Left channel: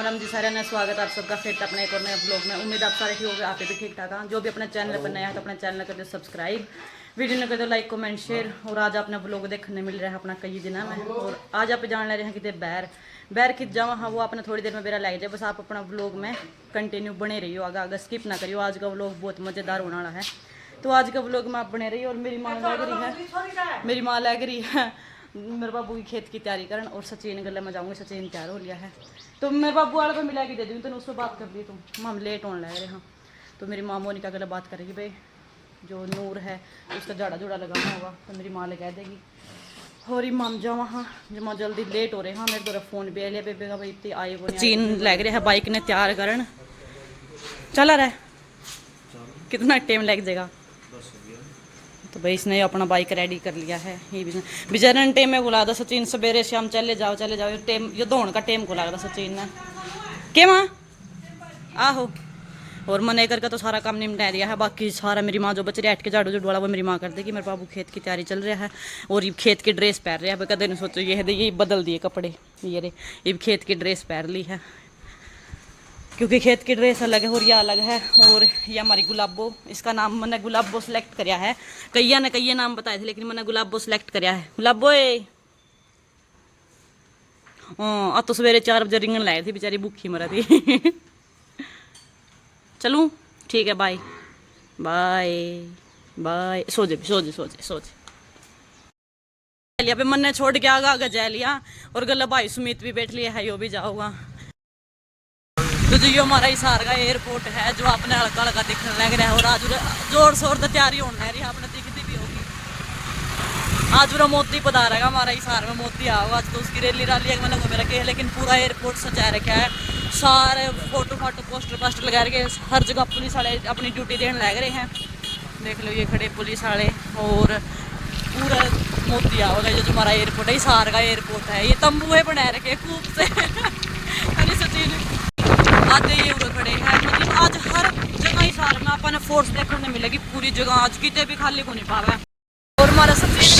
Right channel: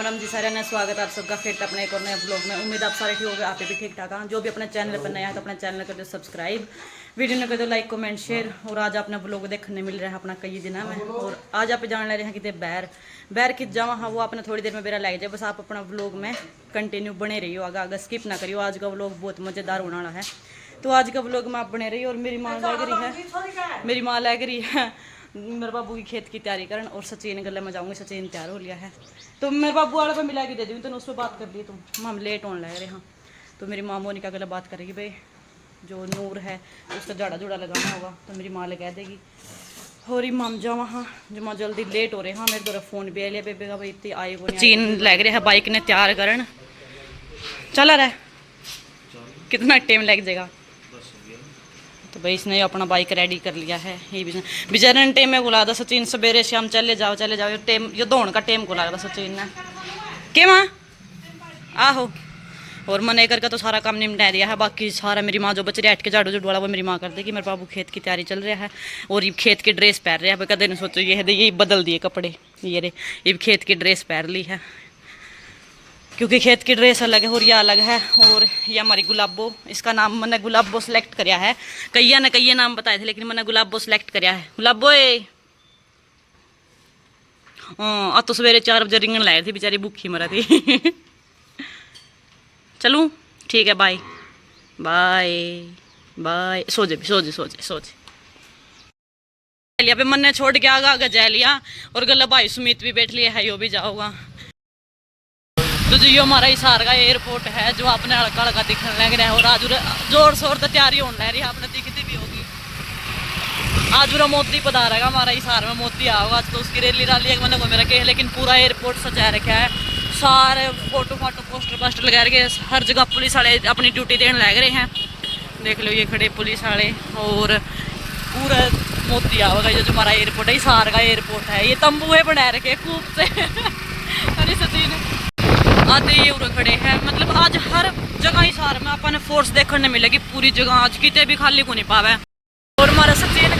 राम राम जी सारे ने स्वागत है आप सबका फिर तो अपने एक और नए ब्लॉग में। उम्मीद आप सारे ठीक हो गए, आप भी ठीक ठाक हैं। जो भी अपने चैनल पर नया है तो अपने चैनल कर दो सब्सक्राइब, वीडियो ने कर दो लाइक कमेंट शेयर। और आज अपना ब्लॉग देखने मिल रहा है अपना कई दिन में। और आज आप जान ले रहे हैं कि बैर कित जावा हाँ वो अपना थोड़ी देर में मेरा लग जाए। बस आप अपना ब्लॉग में कंटिन्यू बने रहियो, आगे आगे स्किप ना करियो। आज का ब्लॉग बहुत मज़ेदार होने वाला है, तो आज का ब्लॉग में आप बने रहिए। और मेरी माँ लग रही है मेरे बाबू की खेत की तैयारी करन। और सचिन गले में जाऊंगी, सचिन तैयार हो लिया है तो मेरे बाबू वाले पे मिला के दे दूँ। तो उस पर बात कर ली तुम हम लेट होने लग रहे हैं। तो मेरी माँ मोनिका गले बात करेगी भाई जो नूर है उसका झाड़ा जुड़ा लगाना होगा तो मेरी माँ लगा देगी। और ही माम जा वहाँ जो माँ जल्दी लेट हो रहे हाँ। मेरे द्वारा फोन भी लिया बेबे का भाई इतनी आए वो चीन लग रहे हैं बाइक ने तैयार करन। चला रहा कितना टाइम लग जाएगा। तो भाई इसने अपना बाइक रेडी कर लिया है। ये बेचारे टाइम में बुला था सचिन सवेरे शाम चले जाओ टाइम ये दौड़ का टाइम को लगा सचिन ने के माँ आहो। और मैंने करके तो सारा काम निपटा दिया है। बाकी सारा मेरी माँ जो बच रही है के झाड़ू वाला वो मेरी माँ कर देगी। मेरे बाबू खेत की तैयारी चल रहा है और ये खेत की ड्रेस पहन रहे हैं। कदे नहीं सोचो ये बदल दिए कपड़े ये रे ये खेत की ड्रेस पहन ली है क्योंकि खेत की ड्रेस अलग है और यह अलग है। और ये हमारी गुलाबो, इसका नाम मैंने गुलाबो सेलेक्ट कराया है। कईया ने कई नाम बताए थे लेकिन मैंने गुलाबो सेलेक्ट कराया है। गुलाबो हाँ तो सवेरे 4 बजे रिंगन लाए थी बेचारी भूखी मरा थी। चलूँ ठीक है बाय बाय बाय। सो जे लिया मन ने छोड़ के आगा जा लिया। और गला भाई सुमित भी बैठ लिया है यो भी जाओगा। तो जो ये हमारा हिसार का एयरपोर्ट है जो अपने हल्का हल्का दिखने लग रहा है। और आज जोर शोर तो तैयारी होने रही है आपने दिखती भी होगी। आज पूरा मोती पधारेगा हमारा हिसार में मोती आओगा। आज तो उसकी रैली राली मैंने को मेरा कहे लेकिन पूरा एयरपोर्ट सजा रखा है। सारे फोटो पोस्टर लगा रखे हर जगह पुलिस वाले अपनी ड्यूटी देने लग रहे हैं। देख लो ये खड़े पुलिस वाले और पूरा मोती आओगा। जो हमारा एयरपोर्ट है हिसार का एयरपोर्ट है। ये तंबुए बना रखे खूब से। अरे सचिन आधे ये उरे खड़े हैं। मतलब आज हर जगह हिसार में अपन फोर्स देखने मिलेगी पूरी जगह। आज किते भी खाली को नहीं पावे। और हमारा सफेद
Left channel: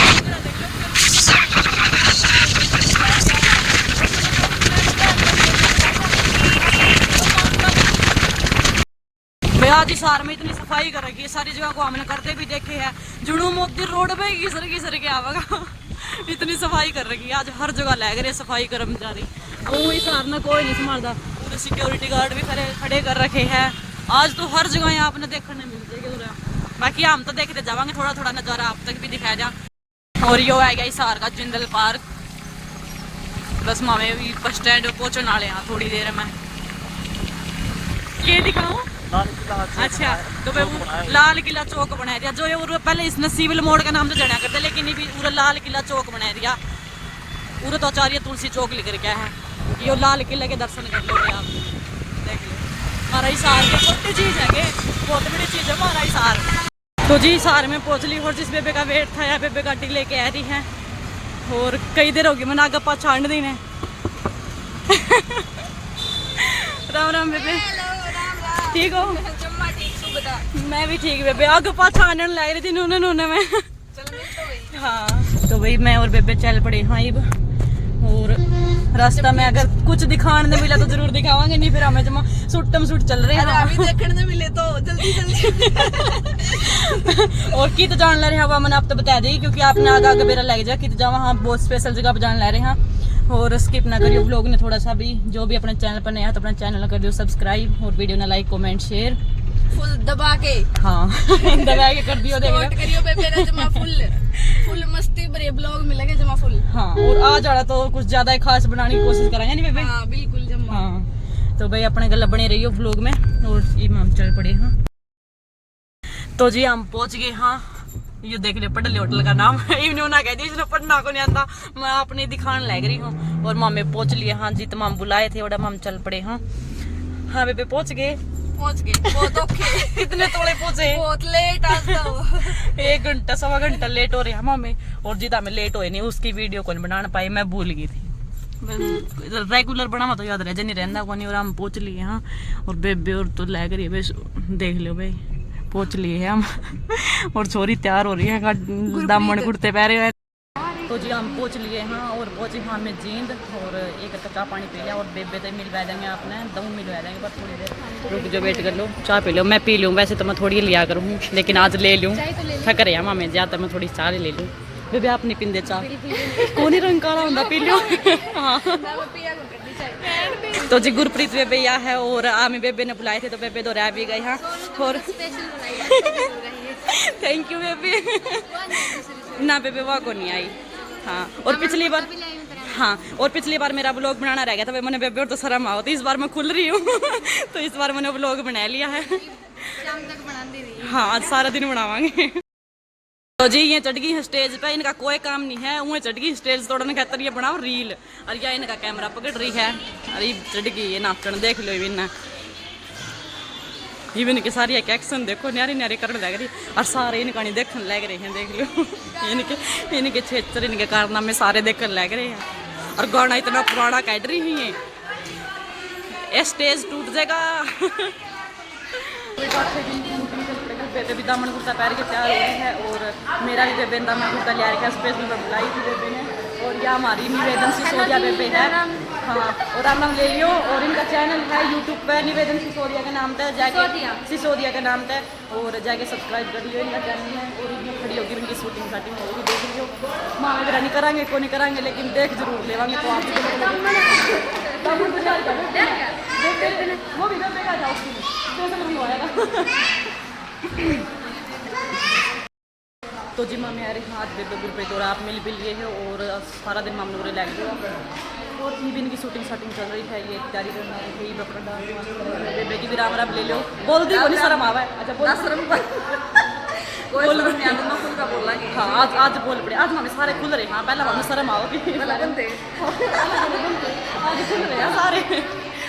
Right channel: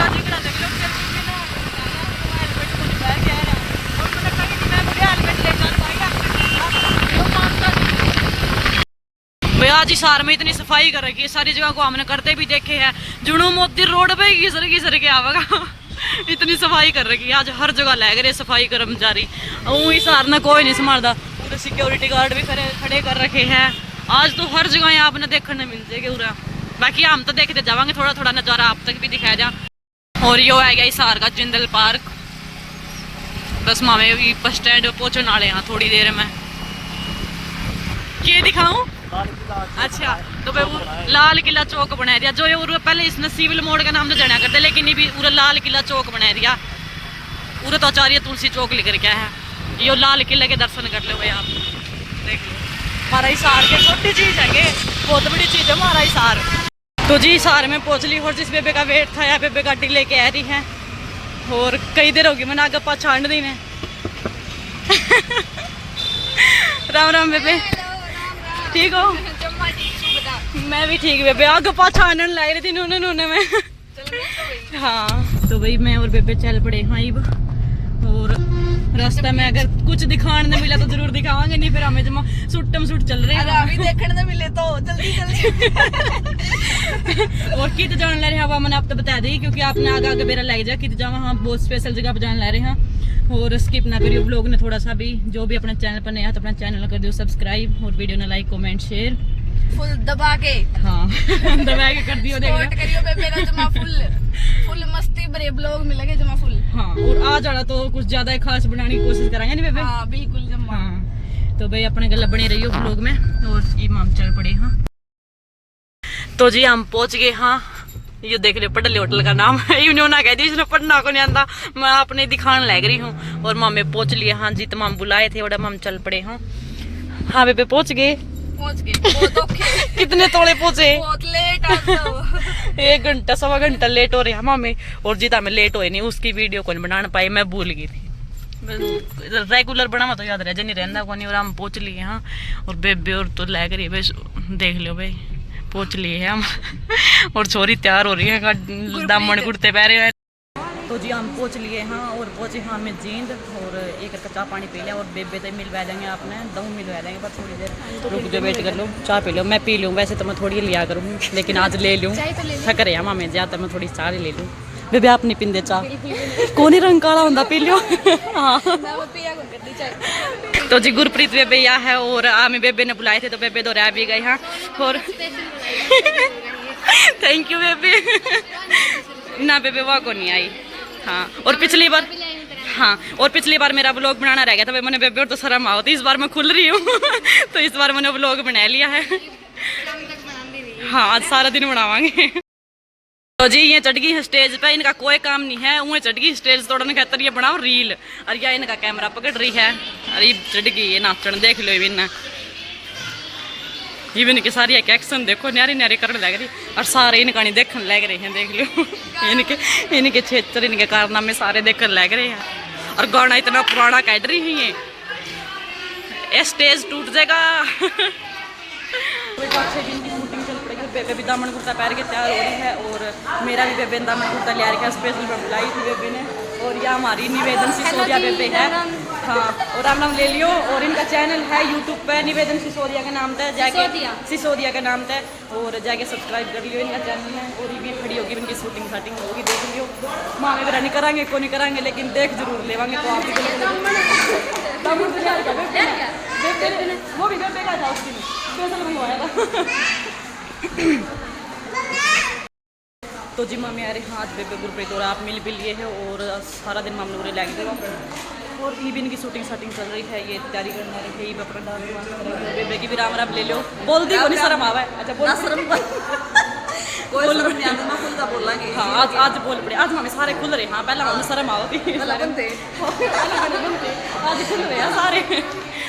भाई आज हिसार में इतनी सफाई कर रखी है। सारी जगह को हमने करते भी देखे हैं। जुनू मोती रोड पे घिसर के आवेगा। इतनी सफाई कर रखी है आज हर जगह लग रहे सफाई कर्मचारी। हिसार ने कोई नहीं संभालता। सिक्योरिटी गार्ड भी खड़े कर रखे हैं। आज तो हर जगह यहाँ आपने देखने मिल जाएगा। बाकी हम तो देखते जावांगे थोड़ा थोड़ा नज़ारा आप तक भी दिखाया जा। और यो है गया हिसार का जिंदल पार्क। बस मामे बस स्टैंड पहुंचने वाले यहाँ थोड़ी देर में। क्या दिखाऊं? अच्छा तो भाई वो लाल किला चौक बना दिया जो ये पहले इस सिविल मोड़ का नाम तो जाना करते लेकिन ये भी पूरा लाल किला चौक बना दिया। पूरा तो आचार्य तुलसी चौक लिख क्या है। यो लाल किले के दर्शन कर लो आप देख लो। हमारा हिसार की छोटी चीज है बहुत बड़ी चीज है हमारा हिसार। तो जी हिसार में पहुंच ली और जिस बेबे का वेट था या बेबे गाड़ी लेके आ रही है। और कई देर होगी मैंने आगे पाछाड़ दी ने। राम राम बेबे ठीक हो? मैं भी ठीक बेबे आगे पाछाड़ने लग रही थी नूने में। हाँ तो भाई मैं और बेबे चल पड़े हाँ। और रास्ता में अगर कुछ दिखाने मिला तो जरूर दिखावांगे नहीं फिर हमें जमा सुट्टम सुट चल रहे हैं। देखने मिले तो जल्दी और कित जान ले रहे हैं मैंने आप तो बता दी क्योंकि आपने आगे मेरा लग जाए कित जावा हाँ बहुत स्पेशल जगह पर जान ले रहे हैं। और स्किप ना करियो ब्लॉग ने थोड़ा सा भी। जो भी अपने चैनल पर नया है तो अपना चैनल कर दियो सब्सक्राइब और वीडियो ने लाइक कमेंट शेयर फुल दबा के हाँ दबा के कर दियो। सपोर्ट करियो बेबे जमा फुल मस्ती भरे ब्लॉग मिलेंगे जमा फुल। हाँ और आज आड़ा तो कुछ ज्यादा खास बनाने की कोशिश करेंगे नहीं बेबे। हाँ बिल्कुल जमा। हाँ तो भाई अपने गला बने रहियो ब्लॉग में। और ये माम चल पड़े हाँ। तो जी हम पहुंच गए हाँ। ये देख लियो पटली होटल का नाम इन्होंने कह दी इसने पढ़ना को नहीं आता मैं अपने दिखाने लग रही हूँ। और मामे पहुंच लिए हाँ जी। तो माम बुलाए थे और हम चल पड़े हाँ। हाँ बेबे पहुंच गए बहुत औखे। कितने तोड़े पहुंचे? बहुत लेट आज 1 घंटा 1.25 घंटा लेट हो रहे हैं मामे। और जितना मैं लेट हुए नहीं उसकी वीडियो को नहीं बना पाई मैं भूल गई थी। रेगुलर बनावा तो याद रह नहीं रहता को नहीं। और हम पहुंच लिए हाँ। और बेबे और तो लग रही है भाई देख लो भाई पहुंच लिए हैं हम। और छोरी तैयार हो रही है दामन कुर्ते पहरे हुए तो जी हम पहुँच लिए हाँ, और पहुँचे हाँ मैं जींद, और एक का चाय पानी पी लिया, और बेबे तो मिलवा देंगे आपने, दम मिलवा देंगे, बस थोड़ी देर रुक जो, वेट कर लो, चाय पी लो, मैं पी लूँ, वैसे तो मैं थोड़ी लिया करूँ, लेकिन आज ले लूँ, थक रहे हैं मामे ज़्यादा, मैं थोड़ी चाय ले लूँ। बेबे आप नहीं पींदे चाय? कौन ही रंग काला होंगे, पी लो। हाँ तो जी गुरप्रीत बेबे यहाँ है, और आमी बेबे ने बुलाए थे तो बेबे तो रह भी गए हाँ, और थैंक यू बेबे। ना बेबे वहाँ को नहीं आई हाँ, और पिछली बार हाँ, और पिछली बार मेरा व्लॉग बनाना रह गया था, मैंने बेबे और तो शर्म आओ, तो इस बार मैं खुल रही हूँ। तो इस बार मैंने व्लॉग बना लिया है हाँ, आज सारा दिन बनावांगे। तो जी ये चढ़ गई है स्टेज पे, इनका कोई काम नहीं है, उन्हें चढ़ गई स्टेज तोड़ने खातर ये बनाओ रील, और यह इनका कैमरा पकड़ रही है, अरे चढ़ गई ये नाचन, देख लो इवन इवन की सारी एक एक्शन देखो, न्यारी न्यारी करने लग रही, और सारे इनका नहीं देखने लग रहे हैं, देख लो इनके क्षेत्र इनके कारनामे सारे देखने लग रहे हैं, और गाना इतना पुराना काट रही है, ये स्टेज टूट जाएगा। बेबे भी दामन कुर्ता पहन के तैयार हो रही है, और मेरा भी बेबे दामन कुर्ता ले रखा है, स्पेशल पर बुलाई थी बेबे ने, और यह हमारी निवेदन सिसोदिया बेबे है हाँ, और आप नाम ले लियो, और इनका चैनल है यूट्यूब पे निवेदन सिसोदिया के नाम पे, जाके सिसोदिया के नाम पे, और जाके सब्सक्राइब कर लियो, इनका चैनल है, और ये खड़ी होगी इनकी शूटिंग शाटिंग होगी, देख लियो, मामे वगैरह नहीं कराएंगे को नहीं कराएंगे, लेकिन देख जरूर लेवांगे, तो आप वो भी बेबे का था उस दिन स्पेशल मंगवाया था। तो जी मामी आ रही हाथ बेबे गुरप्रीत और आप मिल भी लिए है, और सारा दिन मामू रे लग गया, और ईबिन की शूटिंग शाटिंग चल रही है, ये तैयारी करना रही है, ये अपना डांस वांस कर रही है, बेबे की भी राम राम ले लो, बोल दी कोनी शर्म आवा है, अच्छा बोल शर्म कोई शर्म नहीं आती, मैं खुद का बोलांगी हाँ, आज बोल पड़े, आज मामे सारे खुल रहे हाँ, पहला मामे शर्म आओ थी आज खुल रहे हैं सारे,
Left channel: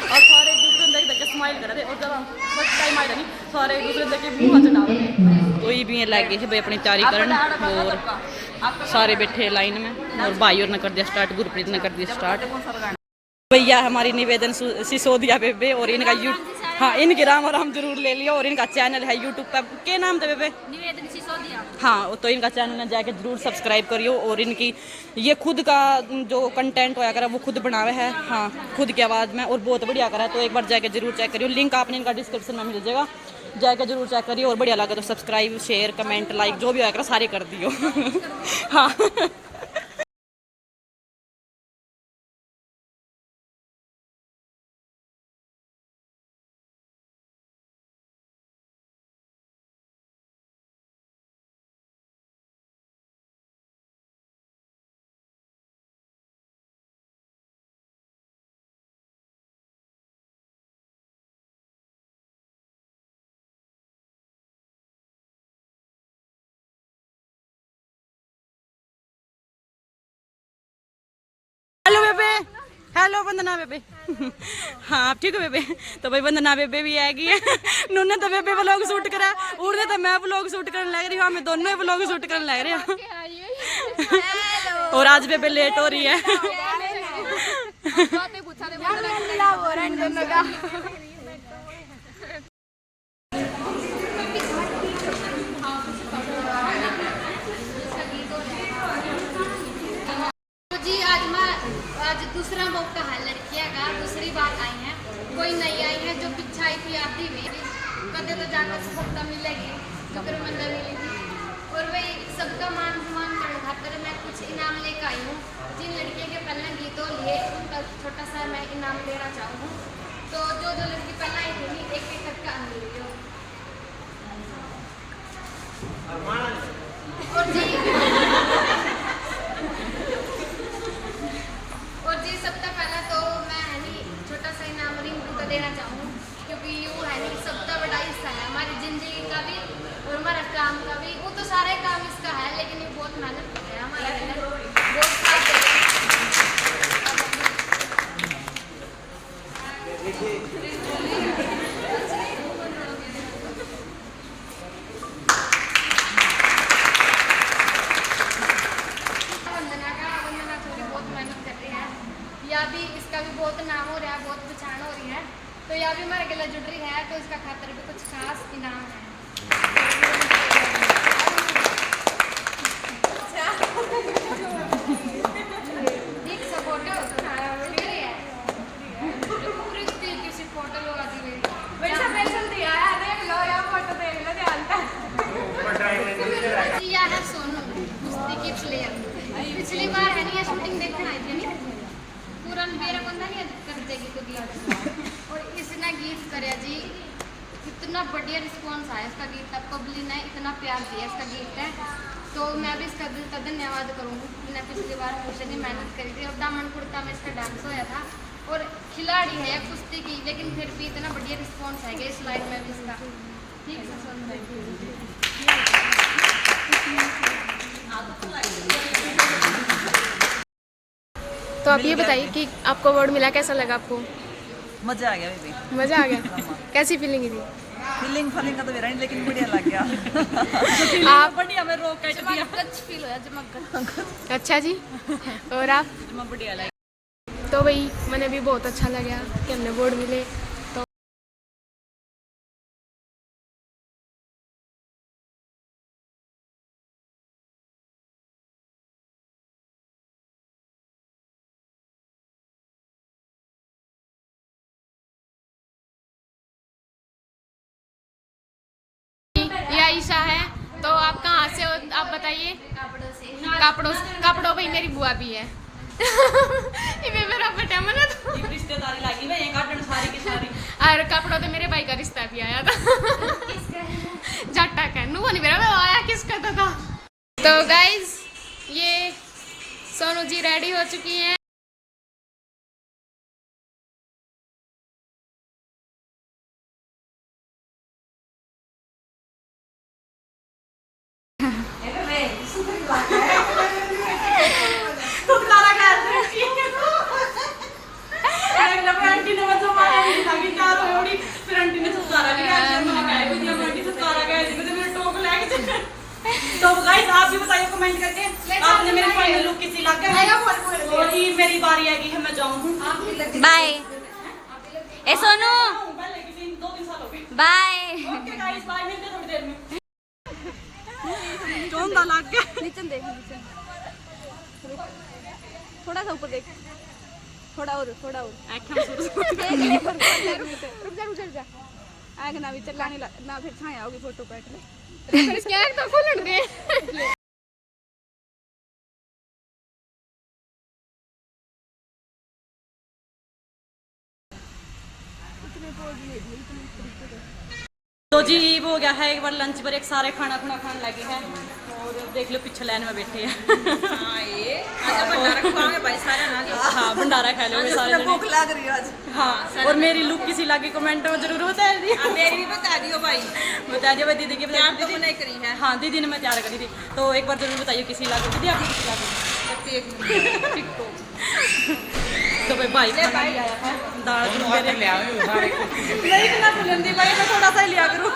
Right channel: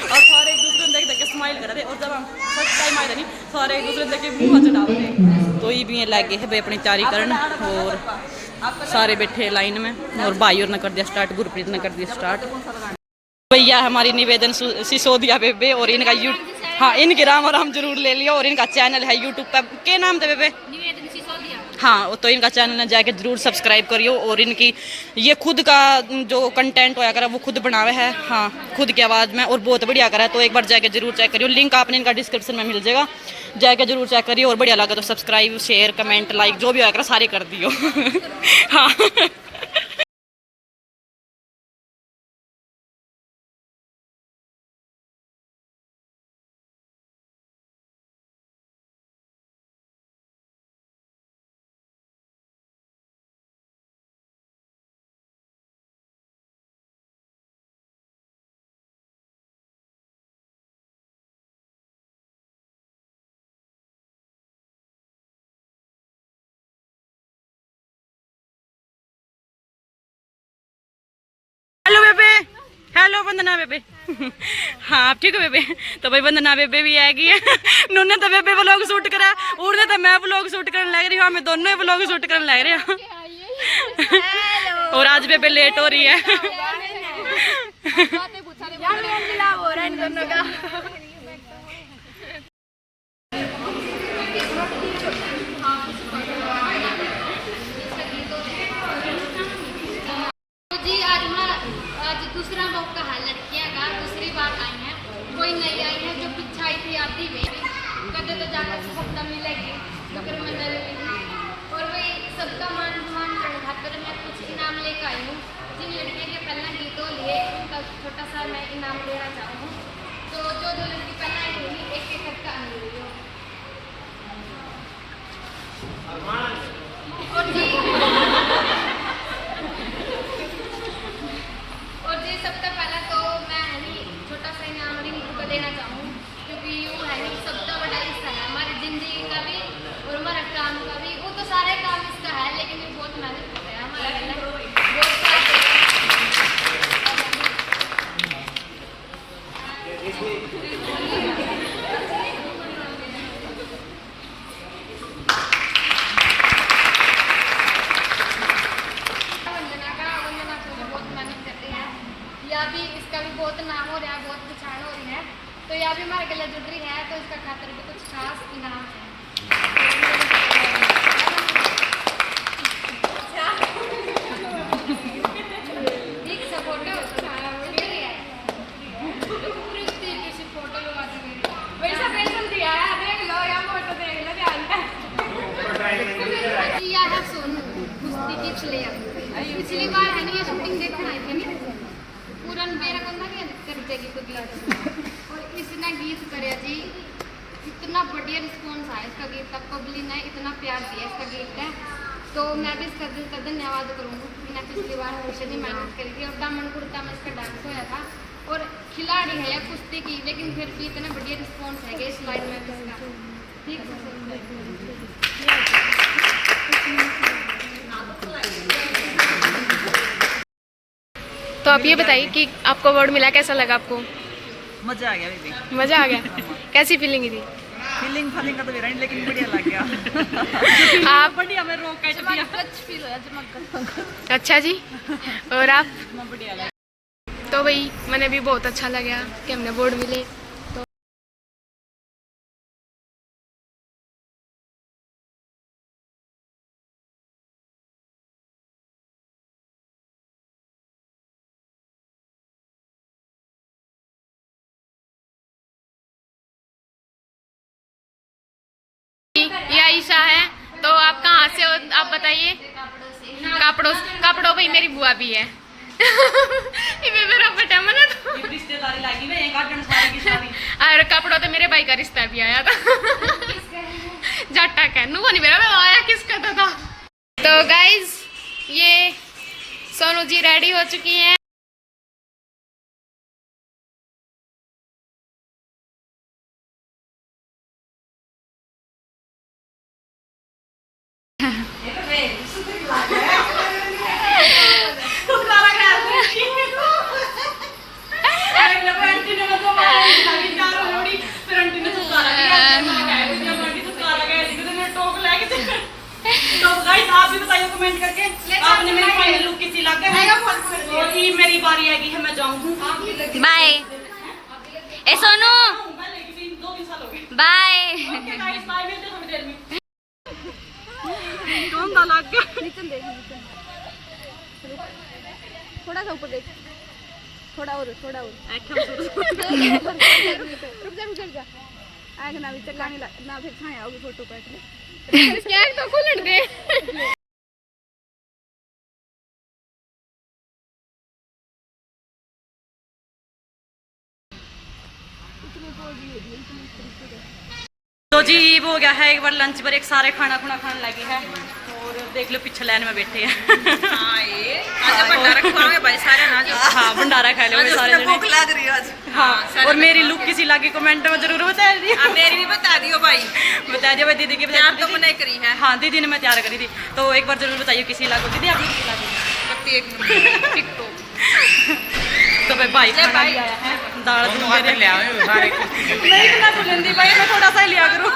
और सारे एक दूसरे देख देख के स्माइल कर रहे, और जब हम फर्स्ट टाइम आए थे सारे एक दूसरे देख के मुँह चढ़ा रहे, तो ये भी लगे है भाई अपनी तैयारी करन, और सारे बैठे लाइन में, और भाई और ने कर दिया स्टार्ट, गुरप्रीत ने कर दिया स्टार्ट। भैया हमारी निवेदन सिसोदिया बेबे, और इनका हाँ इनके राम और राम जरूर ले लिया, और इनका चैनल है यूट्यूब पे, क्या नाम था बेबे? हाँ, तो इनका चैनल जाके जरूर सब्सक्राइब करियो, और इनकी ये खुद का जो कंटेंट होया करा वो खुद बनावे है हाँ, खुद की आवाज़ में, और बहुत बढ़िया करा है, तो एक बार जाके जरूर चेक करियो, लिंक आपने इनका डिस्क्रिप्शन में मिल जाएगा, जाके जरूर चेक करियो, और बढ़िया लगा तो सब्सक्राइब शेयर कमेंट लाइक जो भी होया करा सारे कर दियो हाँ। हेलो बेबे, हेलो वंदना बेबे हाँ आप ठीक हो बेबे? तो भाई वंदना बेबे भी आएगी है नूने तो बेबे व्लॉग शूट करा, उड़ने तो मैं व्लॉग शूट करने लग रही हूँ, हमें दोनों ही व्लॉग शूट करने लग रहे हैं और आज बेबे लेट हो रही है आज दूसरा मौका है लड़कियां का, दूसरी बार आई हैं, कोई नई आई है जो पीछे आई थी आधी में कदे तो जाकर सप्ताह मिलेगी शुक्र मंडल मिलेगी, और वही सबका मान सम्मान करने खातर मैं कुछ इनाम लेकर आई हूँ। जिन लड़कियों के पहले गीतों लिए उनका छोटा सा मैं इनाम लेना चाहूँ, तो जो जो लड़की पहले आई थी एक एक करके आने रही हो। और जी सबसे पहला तो मैं है नी छोटा सा इनाम रिंकू को देना चाहूँ, क्योंकि वो है नी सबसे बड़ा हिस्सा है हमारी ज़िंदगी का भी और हमारा काम का भी। वो तो सारे काम इसका है, लेकिन ये बहुत मेहनत करते हैं हमारे घर बहुत साथ देते हैं। या भी इसका भी बहुत नाम हो रहा है, बहुत पहचान हो रही है, तो या भी हमारे गले जुड़ रही है, तो इसका खातर भी कुछ खास इनाम है। पिछली बार है ना मैं शूटिंग देखने आई थी पूरा मेरा बंदा नहीं कर देगी तो गीत और इसने गीत करे जी इतना बढ़िया रिस्पॉन्स आया इसका गीत तब पब्लिक ने इतना प्यार दिया इसका गीत है तो मैं भी इसका दिल का धन्यवाद करूँगी। मैंने पिछली बार हमेशा नहीं मेहनत करी थी और दामन कुर्ता में इसका डांस होया था और खिलाड़ी है या कुश्ती की लेकिन फिर भी इतना बढ़िया रिस्पॉन्स है कि इस लाइन में भी इसका ठीक से सुन तो आप ये बताइए कि आपको अवार्ड मिला, कैसा लगा आपको? मजा आ गया बेबी, मजा आ गया? कैसी फीलिंग थी? फीलिंग का तो मेरा नहीं, लेकिन बढ़िया लग गया। आप? बढ़िया में रोक काट दिया। कुछ फील होया जमा अच्छा जी, और आप? बढ़िया लगा। तो वही मैंने भी बहुत अच्छा लगा कि हमने अवार्ड मिले। ये आयशा है, तो आप कहाँ से हो आप बताइए? कपड़ों भाई मेरी बुआ भी है। ये मेरा बेटा मना तो रिश्तेदारी लगी मैं एक गार्डन सारी की सारी और कपड़ों तो मेरे भाई का रिश्ता भी आया था। जाटा कहनू वो नहीं मेरा आया किसका था। तो गाइज ये सोनू जी रेडी हो चुकी हैं। आप भी बताइए कमेंट करके आपने मेरी फाइनल लुक किसी लग गई और ये मेरी बारी आएगी है मैं जाऊंगी। बाय ए सोनू बाय। कौन दा लग गया नीचे देख नीचे थोड़ा सा ऊपर देख थोड़ा और रुक जा आग ना भी चलाने ना फिर छाया होगी फोटो पे इसके एक तो खुलड़ दे। तो जी वो हो गया है एक बार लंच पर एक सारे खाना खाने लगे हैं और देख लो पीछे लाइन में बैठे हैं। हाँ भंडारा खा लो सारे जने। भूख लग रही है आज। हाँ और मेरी लुक किसी लगी कमेंट में जरूर बता दियो। मेरी भी बता दियो भाई, बता दियो भाई दीदी की तैयार तो मैंने करी है। हाँ दीदी ने मैं तैयार करी थी तो एक बार जरूर बताइए किसी लागू दीदी आपने किसी लागू टिकटॉक तो भाई खाना भी आया है दाल दूध ले आओ सारे नहीं इतना बुलंदी भाई मैं थोड़ा सा लिया करूं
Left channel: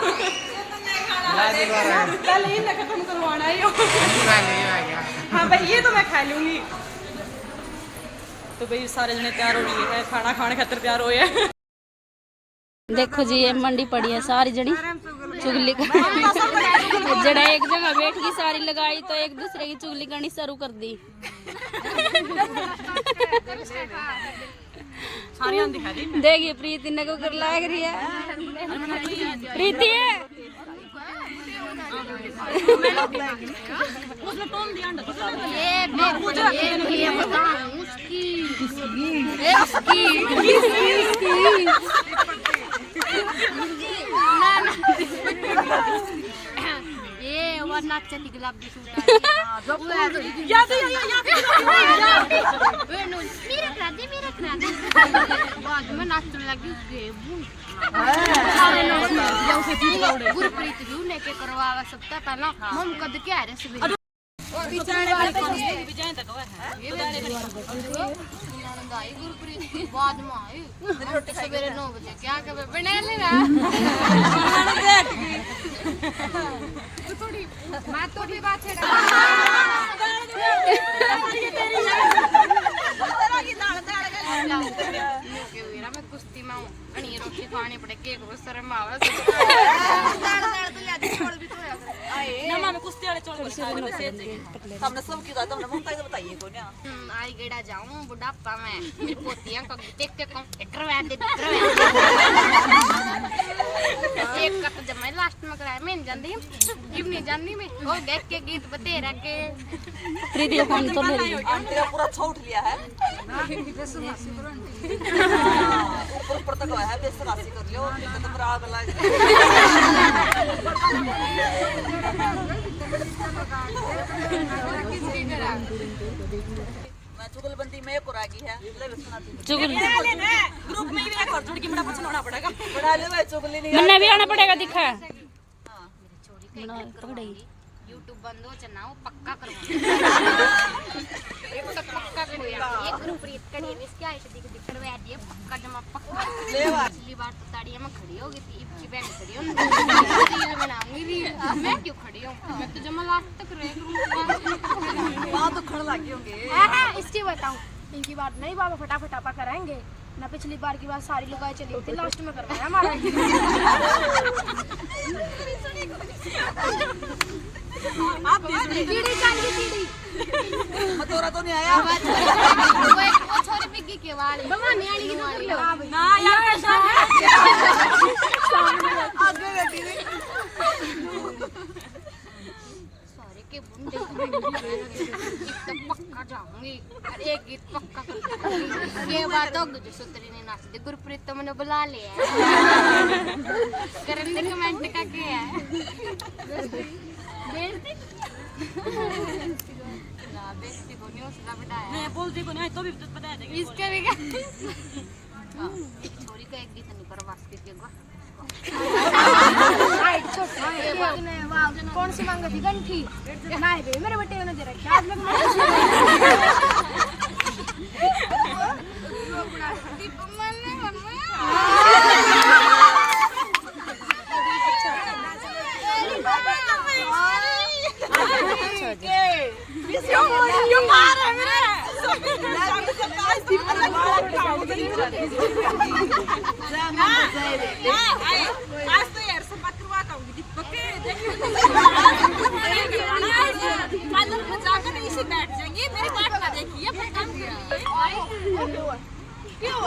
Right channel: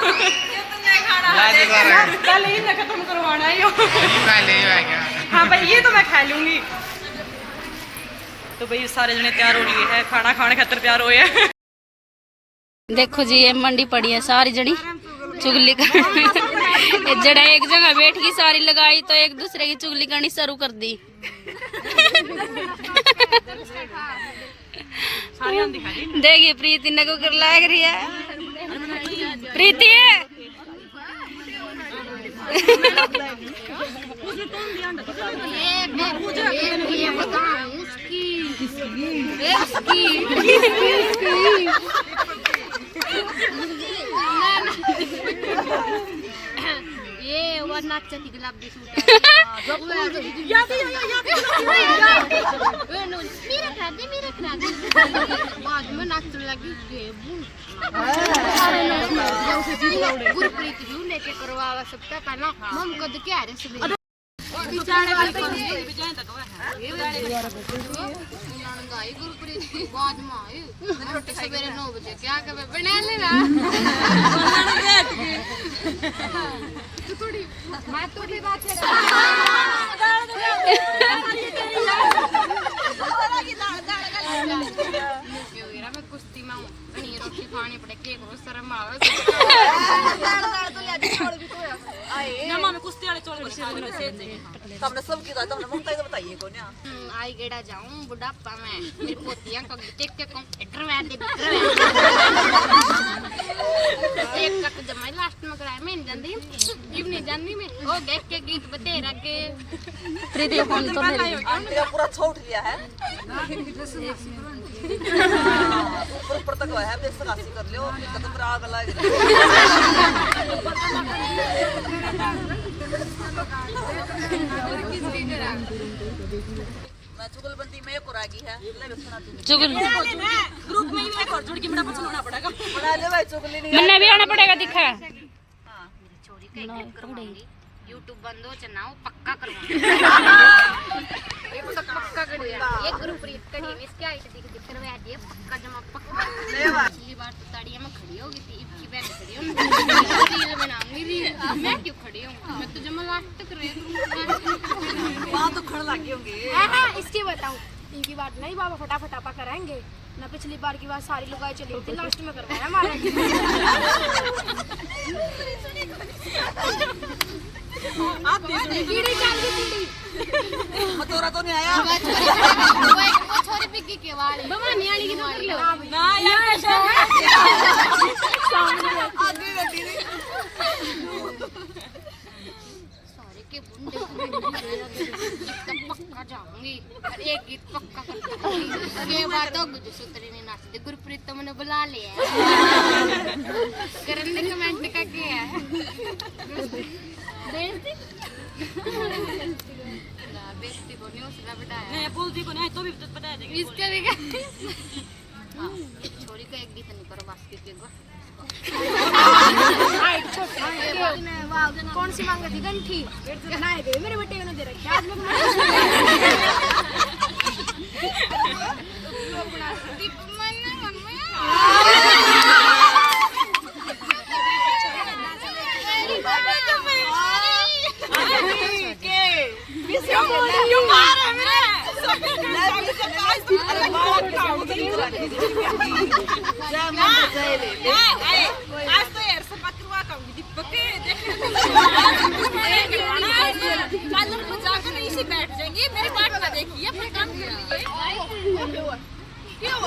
पहले ही मैं खत्म करवाना ही हो पहले ही आ गया। हाँ भाई ये तो मैं खा लूंगी। तो भाई सारे जने तैयार हो लिए हैं खाना खाने खातिर तैयार हुए हैं। देखो जी ये मंडी पड़ी है सारी जड़ी चुगली करनी। ये जड़ा एक जगह बैठ गई सारी लगाई तो एक दूसरे की चुगली करनी शुरू कर दी। देखिए प्रीति ने को कर लाग रही है। प्रीति ये बताऊं उसकी ये वो नाचन की गुलाबी सूट है मेरे क्रांति बाद में नाचने लगी गुरप्रीत जी ने करवा सकता पहला हम कद क्या है गुरप्रीत बाद में आई सवेरे 9 बजे क्या कर बना लेना थोड़ी मैं थोड़ी बात है मैं कुश्ती में हूँ रोटी खानी पड़े केक शर्म आवे ना मैं कुश्ती तुमने सब की तुमने मुंह तो बताइए को ना आई गेड़ा जाऊं बुढ़ापा में मेरी पोतियां को देख के कहूं एक का तो जमा लास्ट में कराया मैं नहीं जानती इब नहीं जानती मैं ओ देख के गीत बतेरा के प्रीति फोन तो मेरी तेरा पूरा छोड़ लिया है ऊपर ऊपर तक है बेस राशि कर लियो तो मेरा आग लग मैं चुगलबंदी में एक और आ गई है ले सुना तू चुगल ग्रुप में भी एक और जोड़ के बड़ा पूछना पड़ेगा। बना ले भाई चुगली नहीं मन्ने भी आना पड़ेगा दिखा चोरी का यूट्यूब बंद हो चनाओ पक्का करवाऊंगी पक्का करिया एक ग्रुप रीत कड़ी में इसके आई दिख दिख करवा दिए पक्का जमा पक्का पिछली बार तो ताड़ियां में खड़ी होगी थी इबकी बहन खड़ी हो रील बनाऊंगी रील मैं क्यों खड़ी हूं मैं तो जमा लास्ट तक रह करूंगी वहां तो खड़ लगे होंगे हाँ इसकी बताऊं इनकी बात नहीं बाबा फटाफट आपा कराएंगे ना पिछली बार की बात सारी लुगाई चली थी लास्ट में करवाया हमारे आप टीडी जान की टीडी मतोरा तो नहीं आया वो छोरी पिग्गी के वाली भवानी वाली की वाली ना यार आगे बैठी नहीं सारे के बुंदे पक्का जाऊंगी एक गीत पक्का कर ये बात हो गुजो सुतरी ने नाच दे गुरप्रीत तो मैंने बुला लिया करने कमेंट का क्या है बेइज्जती बेइज्जती को नहीं उसला बिठाया मैं बोलती को नहीं तो भी बता देंगे इसका भी हां छोरी का एक गीत नहीं पर बस के कौन सी मांगी थी गंठी नहीं दे मेरे बेटे ने दे रखी आज मैं दीप मन आज तो यार सब करवा कहूंगी दीपक के देखने कालर को जाकर इसी बैठ जाएंगे मेरी बात ना देखिए अपना काम कर लिए क्यों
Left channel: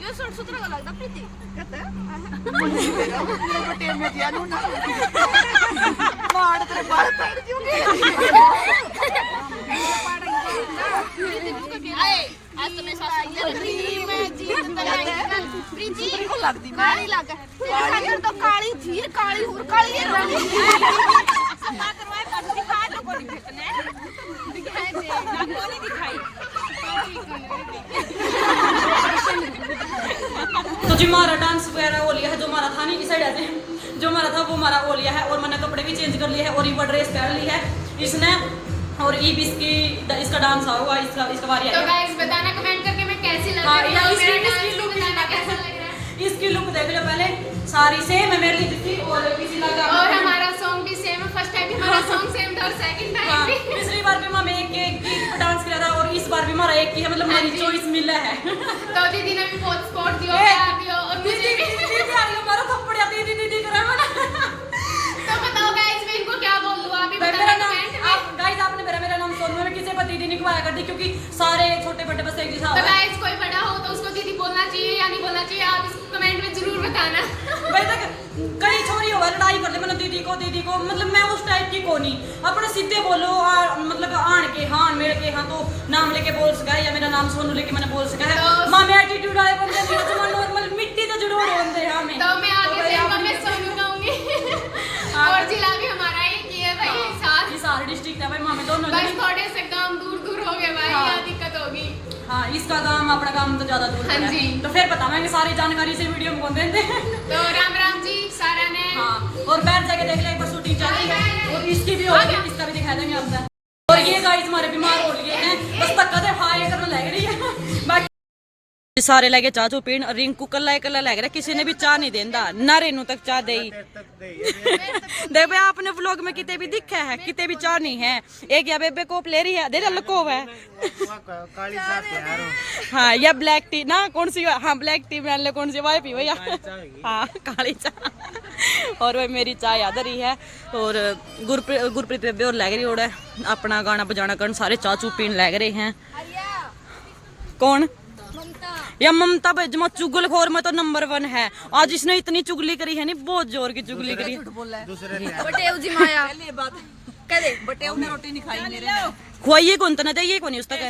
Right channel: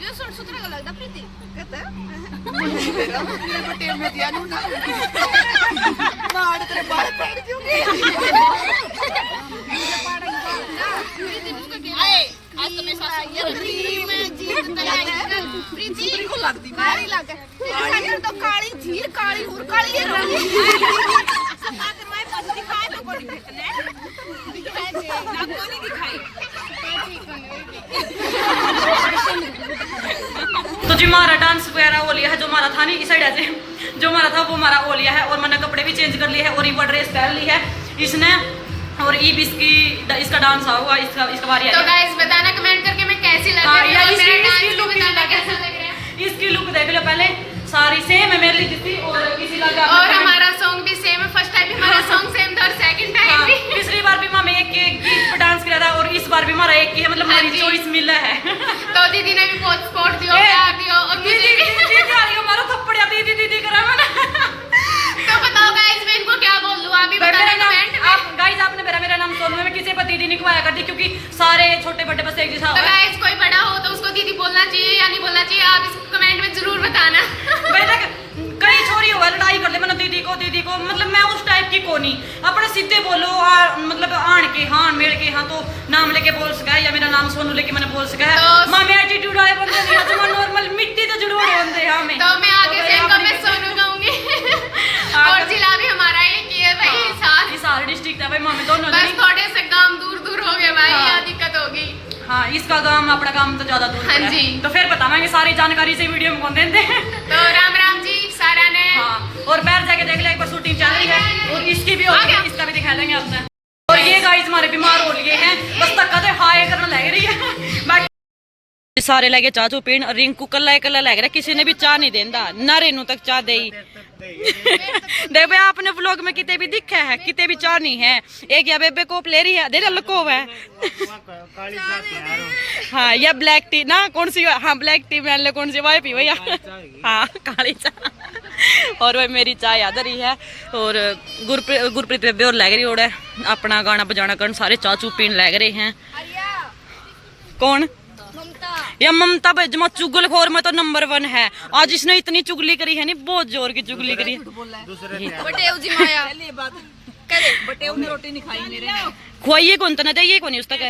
ये सुन सुतरा का लगता प्रीति कहता मेरे बेटे में दिया नू ना मार तेरे बाल पड़ दूंगी प्रीति मुझको क्या आज तो मेरे साथ ये मैं जीत तलाई प्रीति को लगती काली लगा तेरे सागर तो काली थी काली और काली है सफा करवाए पर दिखाए तो कोई दिखने दिखाए दे ना कोई दिखाई तो जी हमारा डांस वगैरह हो लिया है जो हमारा था नहीं इस साइड ऐसे जो हमारा था वो हमारा हो लिया है और मैंने कपड़े भी चेंज कर लिए है और ये ड्रेस पहन ली है इसने और ईब इसका डांस होगा इसका बारी तो गाइस बताना कमेंट करके मैं कैसी लग रही हूं और मेरा डांस भी बताना कैसा लग रहा है इसकी लुक देख लो पहले सारी सेम है मेरी जैसी और किसी का और हमारा सॉन्ग भी सेम है फर्स्ट टाइम हमारा सॉन्ग सेम था और सेकंड टाइम भी पिछली बार भी हमें एक गीत पर डांस किया था और इस बार भी हमारा एक ही है मतलब हमारी चॉइस मिला है तो दीदी ने भी बहुत सपोर्ट दियो प्यार दियो और मुझे भी हमारा थप्पड़ दीदी दीदी करा मैंने तो बताओ गाइस मैं इनको क्या बोल दूं आप ही बताना कमेंट में गाइस आपने मेरा नाम सोनू है मैं किसी पर दीदी नहीं खुआया करती क्योंकि सारे छोटे बड़े बस एक जैसा तो गाइस कोई बड़ा हो तो उसको दीदी बोलना चाहिए या नहीं बोलना चाहिए आप इसको कमेंट में जरूर बताना भाई देख कई छोरी हुआ लड़ाई कर ले मैंने दीदी को मतलब मैं उस टाइप की को नहीं अपने सीधे बोलो मतलब आन के हाँ मेरे के हाँ तो नाम लेके बोल सका या मेरा नाम सोनू लेके मैंने बोल सका तो मां में एटीट्यूड वाले बंदे नहीं होते नॉर्मल मिट्टी तो जरूर होते हैं हमें तो मैं आगे से इनको मैं सोनू कहूंगी और जिला भी हमारा एक ही है भाई साथ सारे डिस्ट्रिक्ट है भाई मां में दोनों बस थोड़े से गांव दूर दूर हो गए भाई हाँ। यहाँ दिक्कत होगी हाँ इसका काम अपना काम तो ज्यादा दूर हाँ है। जी। तो फिर बतावांगे सारी जानकारी से वीडियो में कौन देते हैं तो राम राम जी सारा ने हाँ और बैठ जाके देख ले एक बार शूटिंग चल रही है और इसकी भी हो गई इसका भी दिखा देंगे आपसे और ये गाइस हमारे बीमार हो लिए हैं बस तक कदे हाय करने लग रही है बाकी सारे लगे चाह चू पीन रिंकू कला लग रहा किसी ने भी चाह नहीं देंदा ना रेनू तक चाह दे देख भाई आपने व्लॉग में कितने भी दिखा है, कितने भी चाह नहीं है। एक या बेबे कोप ले रही है, दे लकोव है। हाँ या ब्लैक टी ना, कौन सी? हाँ ब्लैक टी मान लो, कौन सी वाई पी भैया? हाँ काली चाह। और वही मेरी चाय याद रही है। और गुरप्रीत बेबे और लग रही और अपना गाना बजाना करन, सारे चाह चू पीन लग रहे हैं। कौन? या ममता भाई जमा चुगलखोर में तो नंबर 1 है। आज इसने इतनी चुगली करी है, नहीं बहुत जोर की चुगली करी है। खुआइए कौन तो ना चाहिए कौन उस तक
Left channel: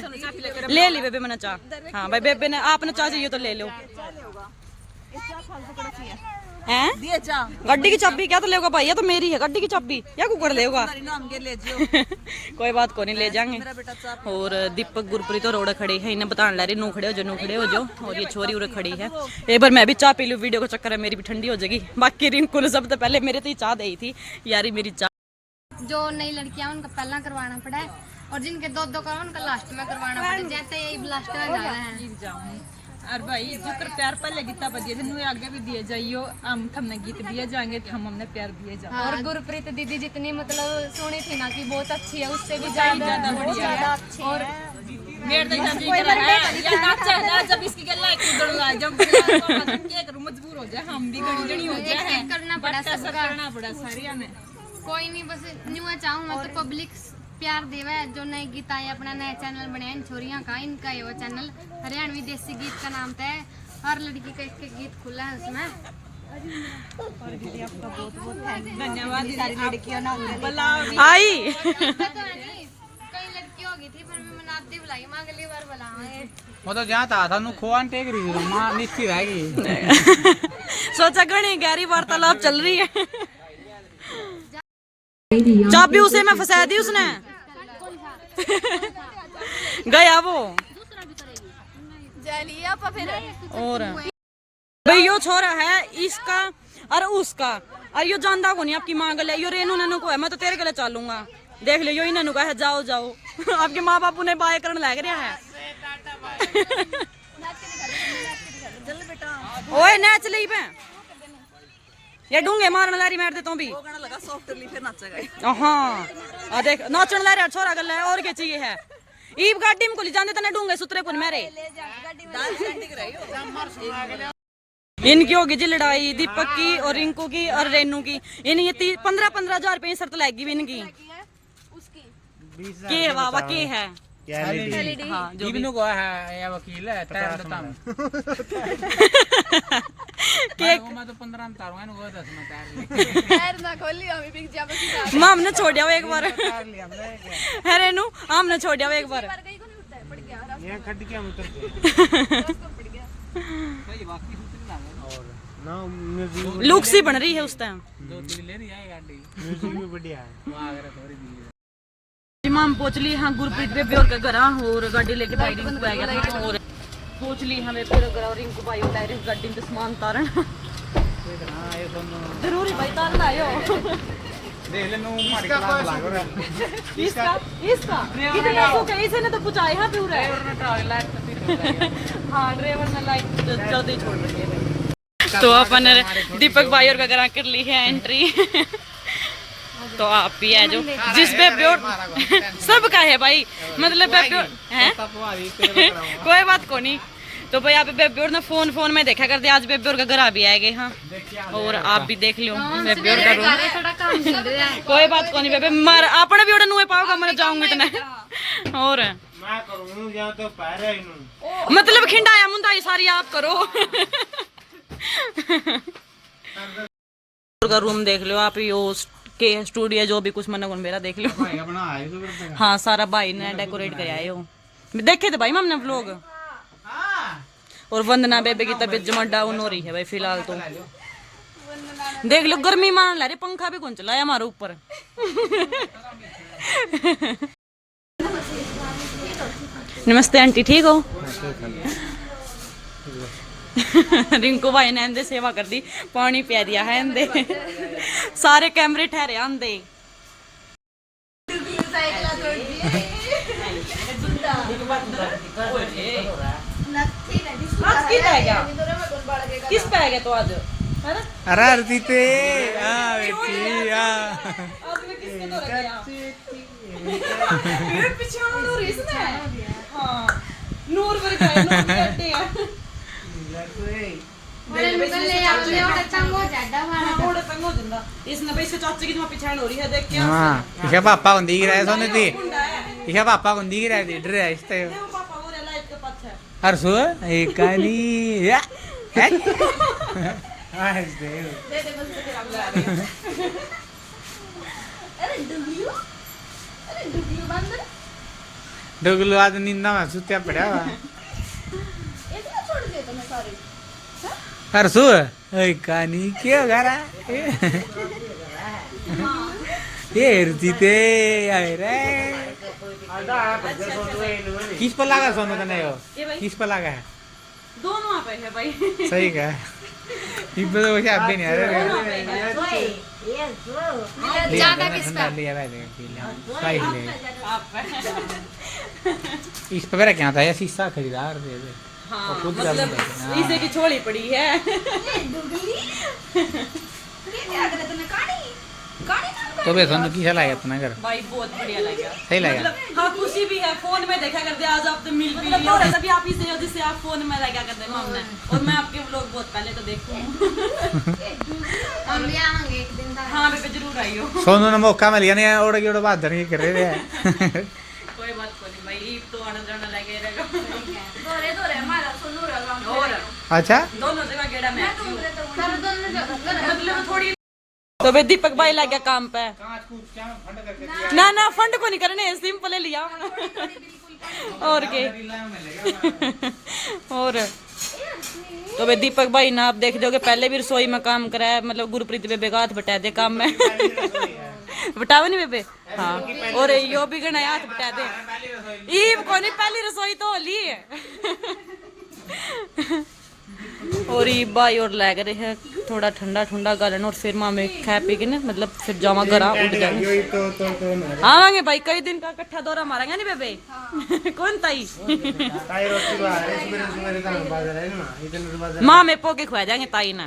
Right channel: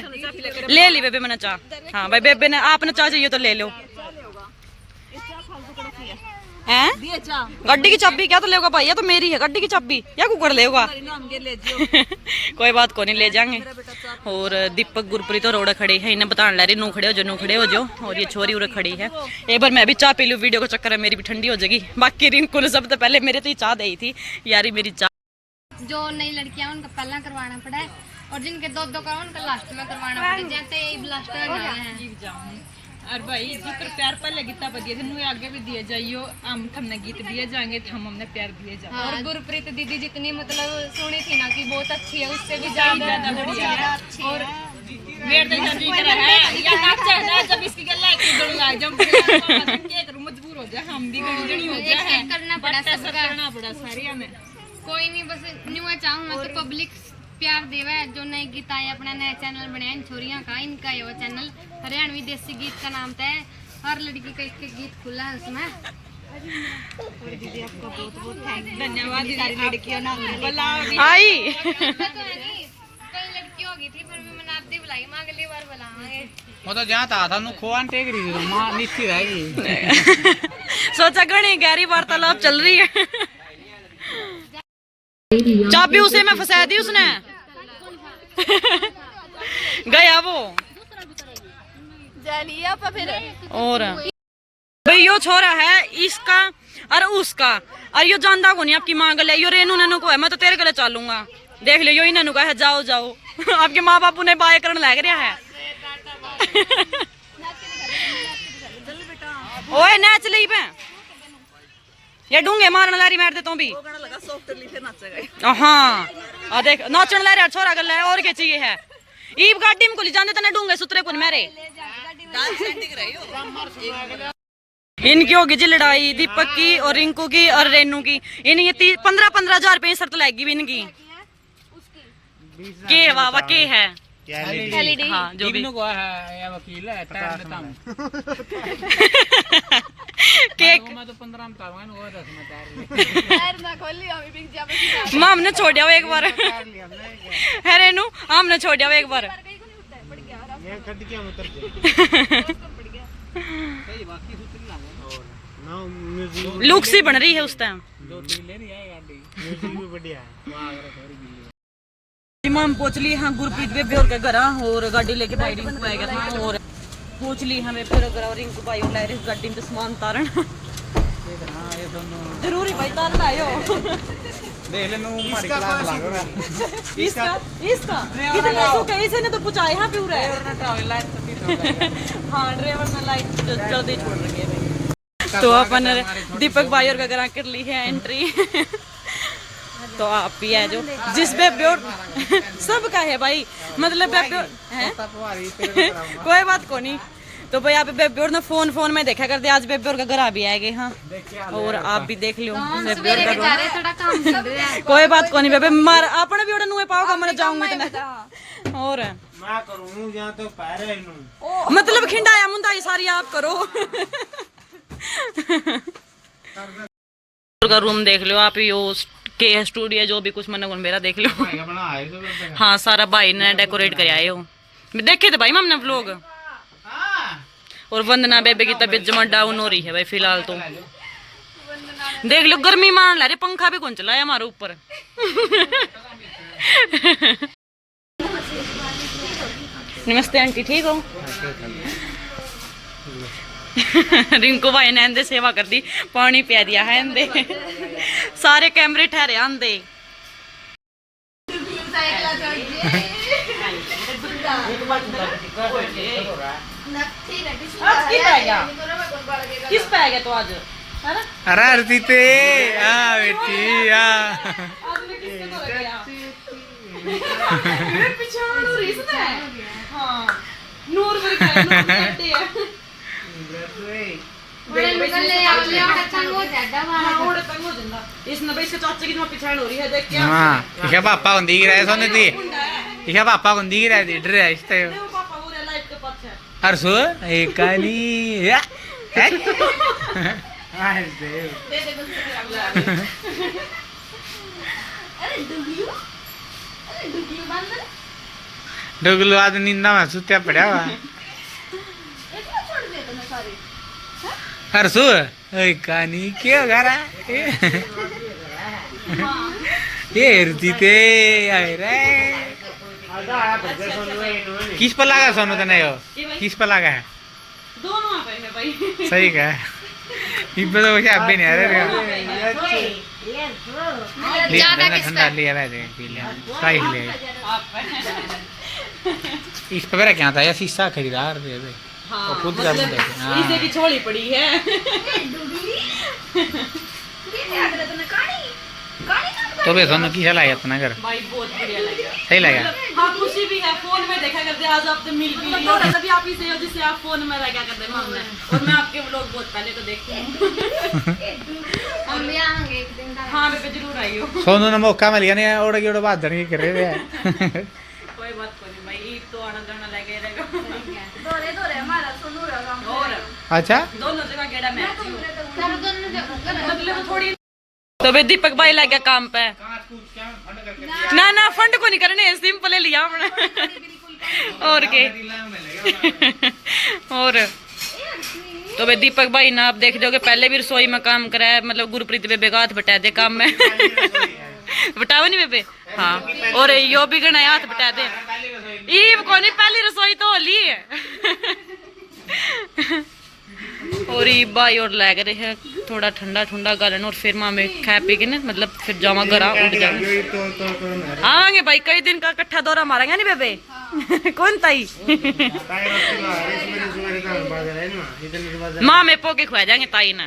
ले ली बेबे मैंने चाह। हाँ भाई बेबे ने आपने चाह चाहिए तो ले लो। हैं गड्डी की चाबी क्या तो लेगा भाई? या तो मेरी है गड्डी की चाबी या कुकर लेगा? कोई बात को नहीं, ले जाएंगे। और दीपक गुरप्रीत और रोड़ा खड़े हैं, इन्हें बताने ला रही नू खड़े हो जो। और ये छोरी उरे खड़ी है। एक बार मैं भी चाह पी लूँ, वीडियो का चक्कर है मेरी भी ठंडी हो जाएगी। बाकी रिंकू ने सबसे पहले मेरे तो ही चाह दी थी यारी, मेरी चाह। जो नई लड़कियां उनका पहला करवाना पड़ा है, और जिनके दो करो उनका लास्ट में करवाना पड़ा है। जैसे यही लास्ट में जाना है। और भाई जिक्र प्यार पहले गीता बदिए थे, आगे भी दिए जाइयो। हम हमने गीत दिए जाएंगे तो हम हमने प्यार दिए जाएंगे। और गुरप्रीत दीदी जितनी मतलब सुनी थी ना कि बहुत अच्छी है, उससे भी ज्यादा बढ़िया अच्छी है। मेरे तो जान जी रहा है या नाचा है जब इसकी गल्ला की गड़ुआ जब के करूं मजबूर हो जाए, हम भी गड़ी जड़ी हो जाए। एक करना पड़ा, सबका करना पड़ा सारिया में। कोई नहीं, बस न्यू चाहूँ मैं तो पब्लिक प्यार देवा है। जो नई गीत आए, अपना नया चैनल बनाया इन छोरियां का, इनका है वो चैनल हरियाणवी देसी गीत का नाम था। हर लड़की का एक गीत खुला है उसमें। और दीदी आपका बहुत बहुत धन्यवाद दीदी, लड़कियों ना आई तो है नहीं, कई लड़की हो गई थी पर भी मनाती बुलाई, मां अगली बार बुलावांगे। वो तो जहाँ था नु खोआन टेक रही थी, मां निश्चित रहेगी। सोचा घनी गहरी वार्तालाप चल रही है। चाबी उसे में फंसा दी उसने। गया वो और भाई यो छोरा है इसका और उसका, और यो जानदा को नहीं आपकी माँ गले। यो रेनू नैनू को है, मैं तो तेरे गले चलूंगा। देख लो यो ही नैनू का है, जाओ जाओ। आपके माँ बापू ने बाय करने लग रहा है। ओए नाच ली पे ये डूंगे मारने लारी मार दे तो भी। हाँ आ देख नाचन ला रहा छोरा गल है, और क्या चाहिए है? ईब गाड़ी में को ले जाने तने डूंगे सुतरे को मेरे। इनकी होगी जी लड़ाई, दीपक की और रिंकू की और रेनू की। इन ये 15-15 हजार रुपये शर्त लगेगी भी इनकी। के वाह के है हाँ जो भी को है या वकील है टाइम बताऊं केक मैं तो 15 में तारूंगा वो 10 में तार यार ना खोली अभी बिक जा बस। मां हमने छोड़ दिया एक बार है रेनू, हमने छोड़ दिया एक बार। गई को नहीं उठता है, पड़ गया रास्ता ये खड्ड क्या उतर पड़ गया। सही बाकी सूत्र लागा ना म्यूजिक लुक सी बन रही है उस टाइम। 2-3 ले रही है गाड़ी म्यूजिक भी बढ़िया है। वहां अगर थोड़ी दी हम पहुंच ली हाँ गुरप्रीत बेबे और घर, और गाड़ी लेके भाई रिंकू आ गया था। और पहुंच ली हमें फिर घर, और रिंकू भाई और लाए गाड़ी में सामान तारन। जरूरी भाई तारन आयो। देख ले नो हमारी क्लास लागो है इसका कितने सो के इसने तो पूछा है पूरा हाँ ड्राइवर में लाइट जल्दी छोड़ रही है भाई। तो अपन दीपक भाई और घर कर ली है एंट्री। तो आप भी है जो जिस बेबे और सब का है भाई, मतलब बेबे है कोई बात को नहीं। तो भाई आप बेबे और ना फोन में देखा करते, आज बेबे और का घर आ भी आएंगे। हाँ और आप भी देख लो बेबे और का रूम। कोई बात को नहीं बेबे, मार आपने भी नुए पाओगा, मैं जाऊंगी इतने। और मैं करूं यहां तो पैरे नु मतलब खिंडाया मुंडाई सारी आप करो। का रूम देख लो आप, यो के स्टूडियो जो भी कुछ मन मेरा देख लो। हाँ सारा भाई ने डेकोरेट कर आए हो, देखे थे भाई हमने व्लॉग। और वंदना बेबे की तबीयत जमा डाउन हो रही है भाई फिलहाल तो। देख लो गर्मी मान ला रहे, पंखा भी कौन चलाया हमारे ऊपर। नमस्ते आंटी, ठीक हो? रिंकू भाई ने अंदे सेवा कर दी, पानी पिया दिया है अंदे। सारे कैमरे ठहरे आंदे। किस पे आ गया तो आज अरे आरती ते हाँ बेटी हाँ आदमी किसके तो लग गया ये पीछे नूर इसने हां नूर मेरे का नूर बैठे है बड़े निकले अपने और तंग हो जाता वाला थोड़े तंग हो ਜਾਂਦਾ इसने भाई इसके चाचे की पिछाड़ हो रही है देख के हाँ इसे पापा को दिख रहा है सोने दी इसे पापा को दिख रहा है इधर है इस ते वो पापा वो लाइट के पास है हर्षु एक काली है डुगलू आज नींदा में सुत्या पड़ा हुआ हर्षु एक कानी क्या करा ये रुचि ते आए रे किस पर लगा सोनू तने यो किस पर लगा है दोनों पे है भाई सही का इब तो वैसे अब भी नहीं आ रहे ज्यादा ठंडा लिया वैसे पी लिया ट्राई ले इस पर मेरा क्या था ये शीशा खरीदार दे दे और खुद कर दे इसे की छोड़ी पड़ी है तो बे सोनू की चला अपना घर भाई बहुत बढ़िया लगा सही लगा हाँ खुशी भी है फोन में देखा करते आज आप तो मिल भी लिए और तभी आप ही से हो जिससे आप फोन में रह क्या करते हैं मामला और मैं आपके व्लॉग बहुत पहले को देखती हूँ हम भी आएंगे एक दिन का हाँ मैं जरूर आई हो सोनू ने मौका मिल गया नहीं ओड़ की ओड़ बात धरनी कर रहे थे कोई बात को नहीं भाई तो आनंद करना लगे रहेगा दोरे दोरे हमारा सुनो रहा और अच्छा दोनों जगह गेड़ा मैं कर दोनों मतलब थोड़ी तो भाई दीपक भाई लग गया काम पे ना ना फंड को नहीं करने सिंपल लिया हमने और के और तो भाई दीपक भाई ना आप देख दोगे पहले भी रसोई में काम कराया मतलब गुरप्रीत बेबे का हाथ बटा दे काम में बटावे नहीं बेबे हाँ और यो भी गना हाथ बटा दे ईब को नहीं पहली रसोई तो होली है और ये भाई और लग रहे हैं थोड़ा ठंडा ठंडा गालन और फिर मामे खा पी के ना मतलब फिर जावा घरा उठ जाएंगे आवांगे भाई कई दिन का इकट्ठा दौरा मारेंगे नहीं बेबे कौन ताई माँ में पोके खुआ जाएंगे ताई ना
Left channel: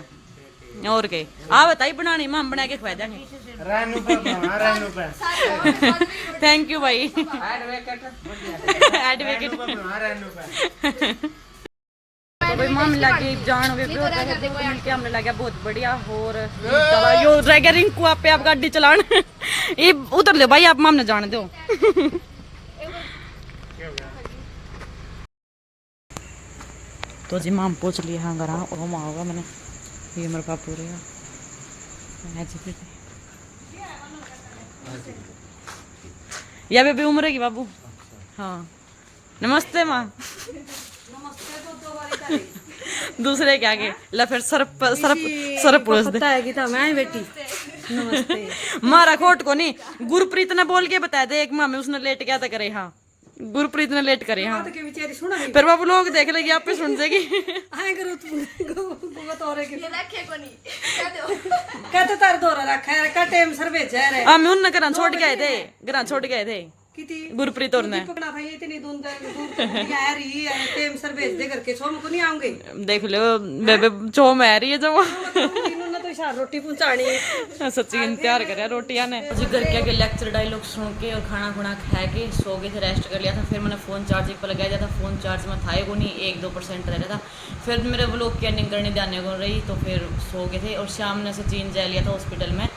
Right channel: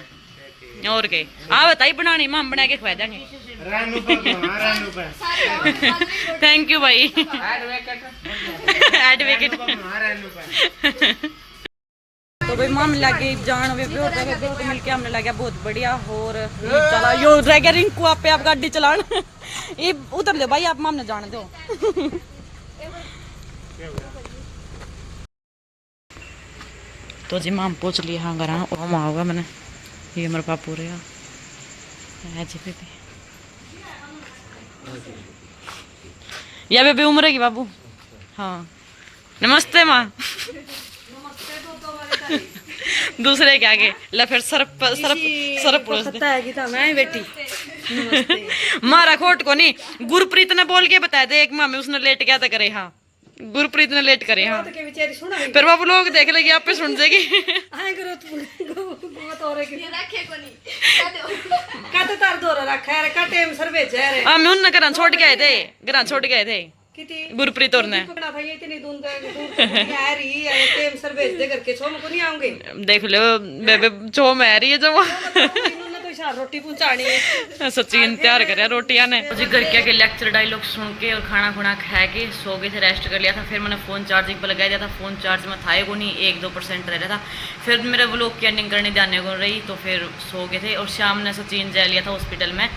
और के आवे ताई बनानी माँ बना के खुआ जाएंगे थैंक यू भाई एडवोकेट तो भाई माम लगे जान वे पे और तो मिलके हमने लगा बहुत बढ़िया और चला यो रह गया रिंकू आप पे आप गाड़ी चलान ये उतर ले भाई आप माम ने जाने दो तो जी माम पूछ लिया हाँ घर और हम आओगा मैंने ये मेरे पापू रहा है जी बेबी या बेबी उम्र की बाबू हाँ नमस्ते माँ दूसरे क्या के ला फिर सरप पुरुष दे मैं बेटी मारा खोट को नहीं गुरप्रीत ने बोल के बता दे एक मामे उसने लेट क्या था करे हाँ गुरप्रीत ने लेट करे हाँ फिर बाबू लोग देख लेगी आप पे सुन जाएगी मैं उन घर छोड़ के आए थे घर छोड़ के आए थे गुरप्रीत और ने देख लो बेबे चो मैं रही है जो रोटी पहुंचानी सचिन तैयार करे रोटियां ने जी घर के आगे लेक्चर डायलॉग सुन के और खाना खुना खा के सो गए थे रेस्ट कर लिया था फिर मैंने फोन चार्जिंग पर लगा दिया था फोन चार्ज में था को नहीं 1-2% रह रहा था फिर मेरे व्लॉग की एंडिंग करने जाने को रही तो फिर सो गए थे और शाम ने सचिन जा लिया था हॉस्पिटल में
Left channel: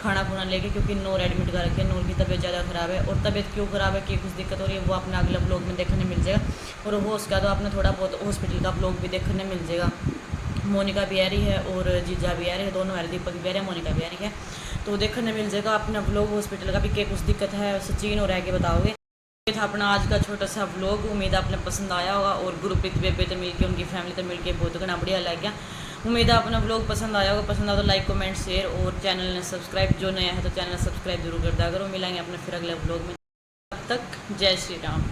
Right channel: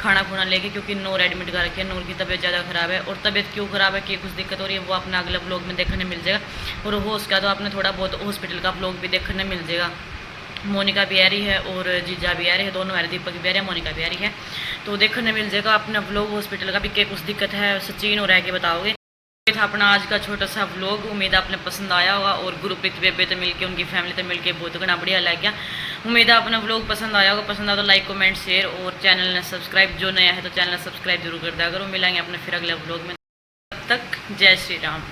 खाना खुना लेके क्योंकि नूर एडमिट कर रखी है नूर की तबीयत ज़्यादा ख़राब है और तबीयत क्यों ख़राब है कि कुछ दिक्कत हो रही है वो अपने अगले ब्लॉग में देखने मिल जाएगा और हो उसका तो आपने थोड़ा बहुत हॉस्पिटल का ब्लॉग भी देखने मिल जाएगा मोनिका भी आ रही है और जीजा भी आ रही है दोनों आ रहे दीपक भी आ रही है मोनिका भी आ रही है तो देखने मिल जाएगा अपना ब्लॉग हॉस्पिटल का भी क्या कुछ दिक्कत है सचिन और रह के बताओगे ये था अपना आज का छोटा सा व्लॉग उम्मीद आपने पसंद आया होगा और गुरप्रीत बेबे तो मिलके उनकी फैमिली तो मिलके बहुत घना बढ़िया लग गया उम्मीद है अपना व्लॉग पसंद आया होगा पसंद आया तो लाइक कमेंट शेयर और चैनल ने सब्सक्राइब जो नया है तो चैनल सब्सक्राइब जरूर कर दिया करो मिलेंगे अपने फिर अगले व्लॉग में तब तक जय श्री राम।